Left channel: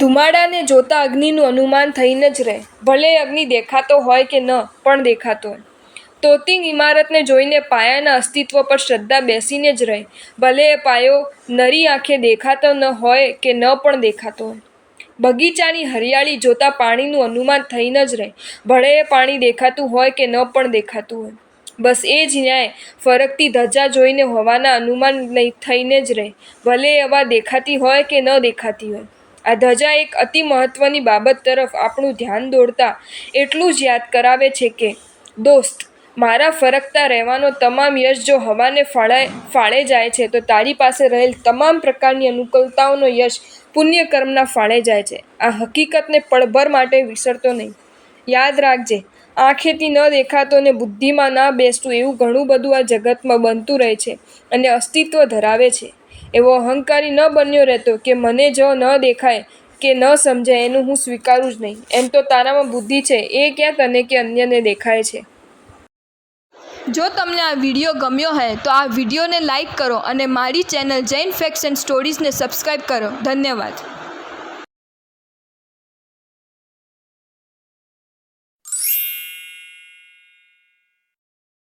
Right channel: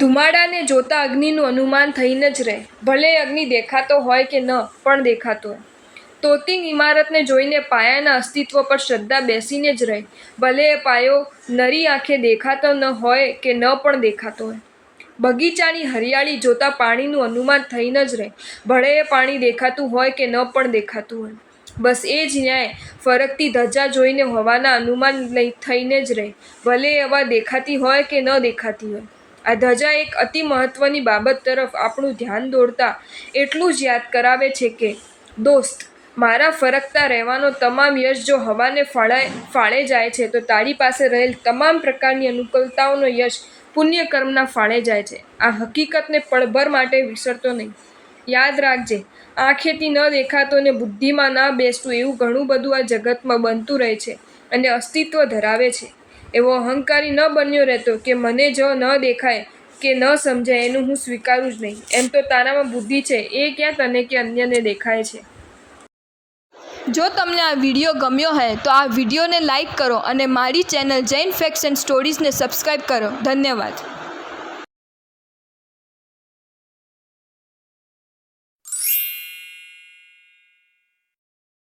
ધુમાડાને જોતા અગ્નિનું અનુમાન થઈને જ રહે, ભલે અગ્નિ દેખાતો હોય કે ન પણ દેખાતો હોય. તોતિંગ ઇમારતને જોઈને પાયાના અસ્તિત્વ પર શ્રદ્ધા બેસીને જ રહે, ભલે એ પાયો નરી આંખે દેખાતો ન હોય કે ન પણ દેખાતો હોય. બગીચાની હરિયાળી જોતા પાણીનું અનુમાન થઈને જ રહે, ભલે એ પાણી દેખાતું હોય કે ન પણ દેખાતું હોય. બસ એ જ ન્યાય ફરકતી ધજા જોઈને હવાના અનુમાન થઈને જ રહે, ભલે એ હવા દેખાતી હોય કે ન દેખાતી હોય. આ ધજા એક અતિ મહત્વની બાબત તરફ આપણું ધ્યાન દોરતા એટલું જ યાદ કરાવે છે કે, દોસ્ત, મારા ફરકતા રહેવાનો તમામ યશ જો હવાને ફાળે જાય છે, તો તારી પાસે રહેલ તમામ પ્રકારની અનુકૂળતાઓનો યશ પુણ્યકર્મના ફાળે જાય છે. આ હકીકતને પળભર માટે વિસરતો નહીં. યાદ રાખજે, આંખેથી ન દેખાતો ને બુદ્ધિમાં ના બેસતું એવું ઘણું બધું આ જગતમાં બનતું રહે છે અને અસ્તિત્વ ધરાવે છે. એવો અહંકારી ન બન્યો રહેતો કે મને જો ન દેખાય કે ન સમજાય એનું હું સ્વીકારું જ નહીં. એમ તો તારામાં બુદ્ધિ છે, એ ક્યાં તને કે અન્યને દેખાય છે? જો તમને આ વિડીયો ગમ્યો હોય તો આ વિડીયોને લાઈક કરો અને મારી ચેનલ જૈન ફેક્ટ્સ એન્ડ સ્ટોરીઝને સબસ્ક્રાઈબ કરો. ધન્યવાદ.